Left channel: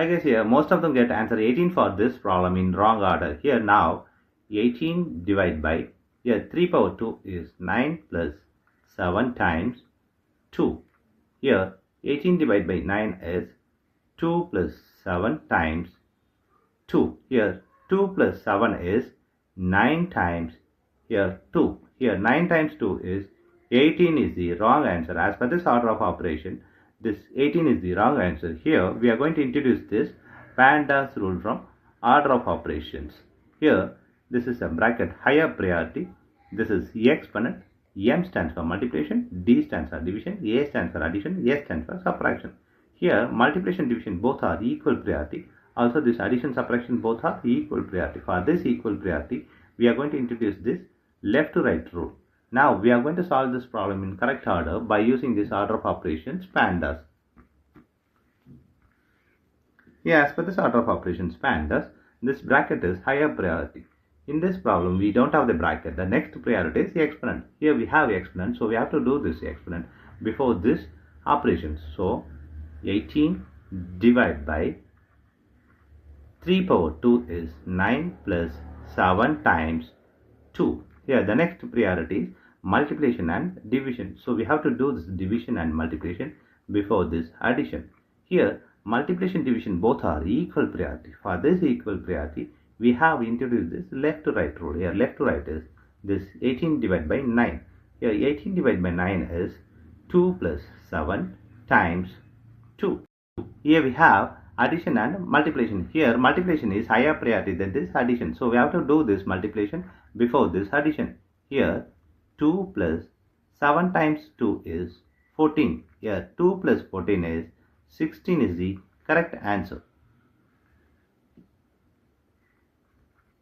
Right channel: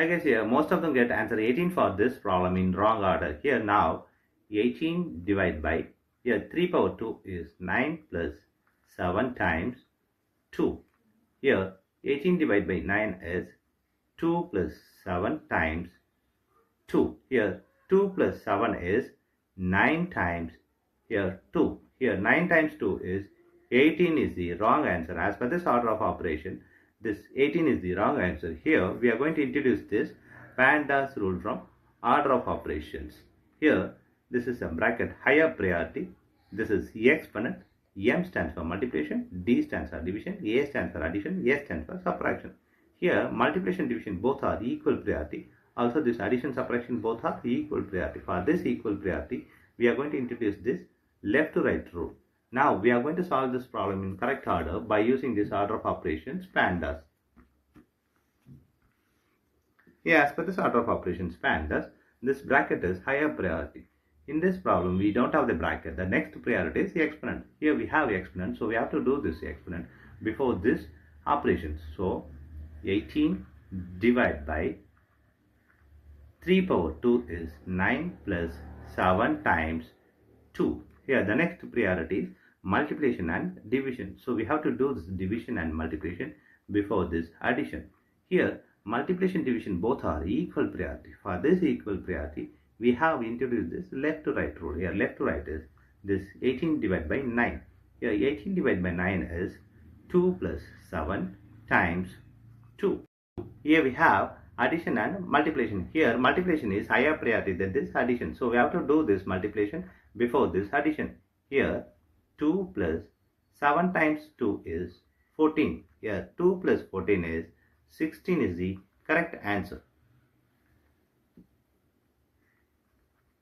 I guess here most of them get answer 18 for this problem in wrong order. Here now 18 divided by, here 3 power 2 is 9 plus 7 times 2. Here 18 divided by 9 is 2 plus 7 times 2. Here 2 plus 7 is 9 times, here 2. Here 9 times 2 is 18 is the wrong answer. As per this order of operation, this 18 is the wrong answer. Here we are going to introduce this PEMDAS rule from order of operations. Here this is a bracket higher priority. This is exponent. M stands for multiplication, D stands for division, A stands for addition, S stands for subtraction. Here multiplication division both are equal priority. Also this addition subtraction both are equal priority. For this equal priority, we are going to introduce this left to right rule. Now we are going to solve this problem in correct order by using this order of operations PEMDAS. Here as per this order of operations PEMDAS, this bracket is higher priority. In this problem we don't have the bracket. The next priority is the exponent. Here we have the exponent, so we have to do this exponent before this operation. So 18 divided by 3 power 2 is 9 plus 7 times 2. Here the next priority is multiplication and division. So we have to do this division and multiplication before this addition. Here multiplication division both are equal priority. For this equal priority, we have introduced this left to right rule. Here left to right is this 18 divided by 9. Here 18 divided by 9 is 2 plus 7 times 2. Here we have addition and multiplication. Here multiplication is higher priority than this addition. So we have to do this multiplication before this addition. Here 2 plus 7 times 2 is 14. Here 2 plus 14 is 16 is the correct answer.